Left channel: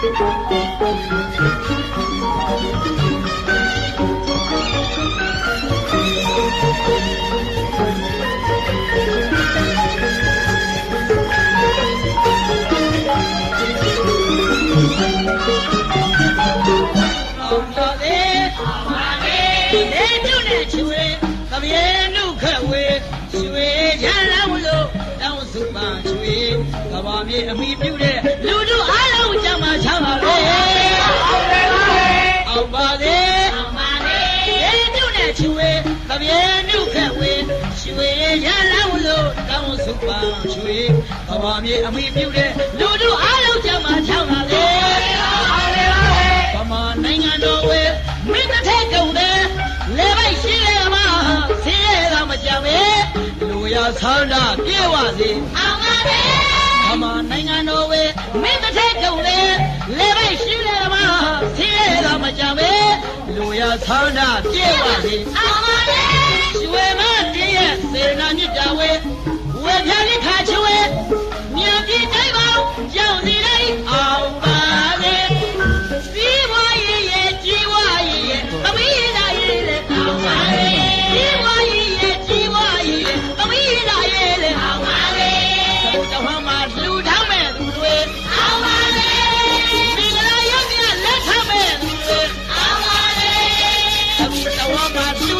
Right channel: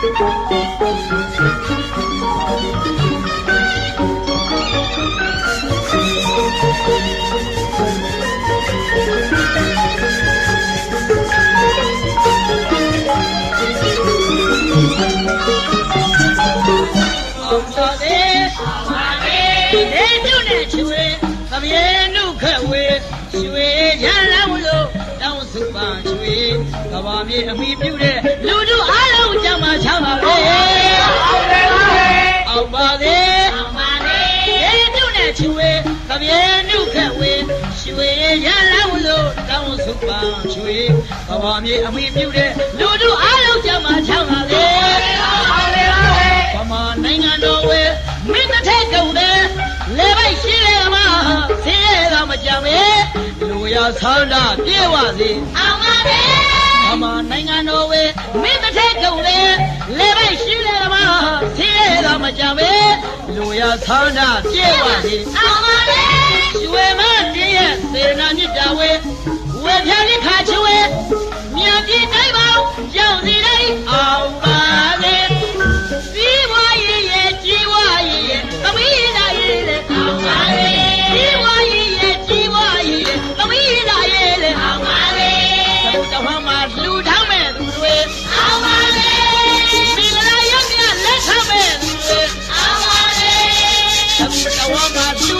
အောင်တော်လေးဒေတုနဲ့ချွေသပြေနုခက်ဝေရွှေရလန်းလို့တောင်းစုပါချွေကဘာမြေအမိပြုတဲ့ အောင်ပါလေဒေတုနဲ့ချွေသပြေနုခက်ဝေရွှေရလန်းလို့တောင်းစုပါချွေကဘာမြေအမိပြုတဲ့လူတို့အားလုံးကြမှာချမ်းပါလေဗမာနိုင်ငံတော်ဝဲမင်းတစ်ထက်ကုန်တယ်လေပိုက်ရှိရမှာဆင်းရဲတာမကြံပဲလူရဆန္ဒပြေဝစီအောင်ပါလေဗမာနိုင်ငံတော်ဝဲမင်းတစ် ကြပဲလူရဆန္ဒပြေပါစေအာမင်ရွယ်မပြည့်ရဲ့စေနာမြစ်တာဝဲဝဲပြန်လေးခါချွဲမြန်ပြည့်တိုင်းပေါင်းရောက်စီတိုင်းအောင်ပါလေစီဝါရဲ့ရဲ့ကြီးဝါရဲ့အမီးလာရဲ့လည်းအောင်ပါလေစီဝါရဲ့ရဲ့ကြီးဝါရဲ့အမီးလာရဲ့လည်းအောင်ပါလေသံတော်မှာလူ Então amado.